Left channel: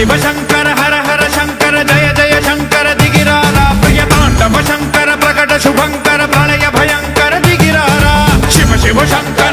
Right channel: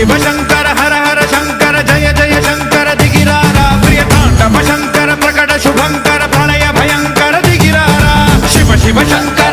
शिव शंकर हर हर शंकर जय जय शंकर दिगिरारा प्रिय तांडव शंकर प्रकट शुभंकर प्रलय भयंकर दिगिरारा शिव शिव शंकर